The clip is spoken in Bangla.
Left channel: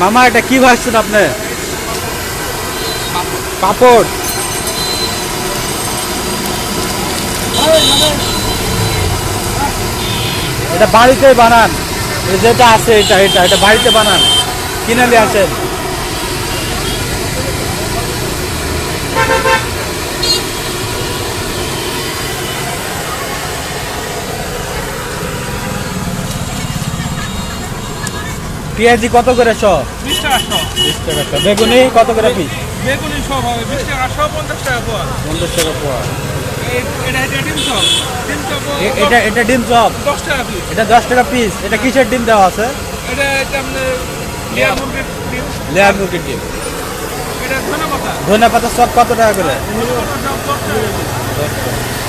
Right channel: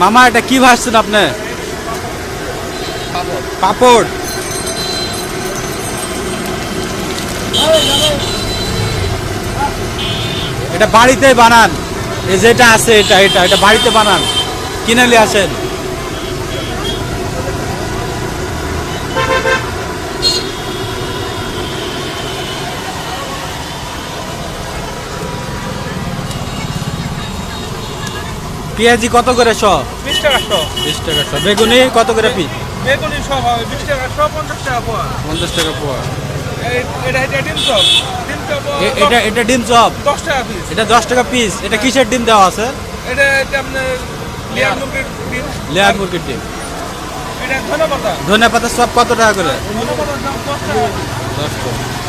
মামা এটা কি ভাজছেন আপনি? পাপড়। এটা বাড়িতে বানান? এই যেটা আছে এটা এটা এটা বাড়িতে বানান, কিনে নিয়ে আসেন? পেঁয়াজি কত করে শ? 20 টাকা শ। 20 টাকা শ। বেগুনি কত করে পিস? বেগুনি সব হবে 20 টাকা শ, 50 টাকা পোয়া। 50 টাকা পোয়া। এটা ডিম চপ। ডিম চপ এটা এটা ডিম চপ 10 টাকা পিস। এটা 10 টাকা পিস। এটা কিসের ডিম দেওয়া আছে? এটা আপনার লেয়ার মুরগির ডিম। লেয়ার মুরগির ডিম। এটা ধনেপাতা। ধনে পাতা সব কত টাকা করে? ধনেপাতা সব 10 টাকা। 10 টাকা।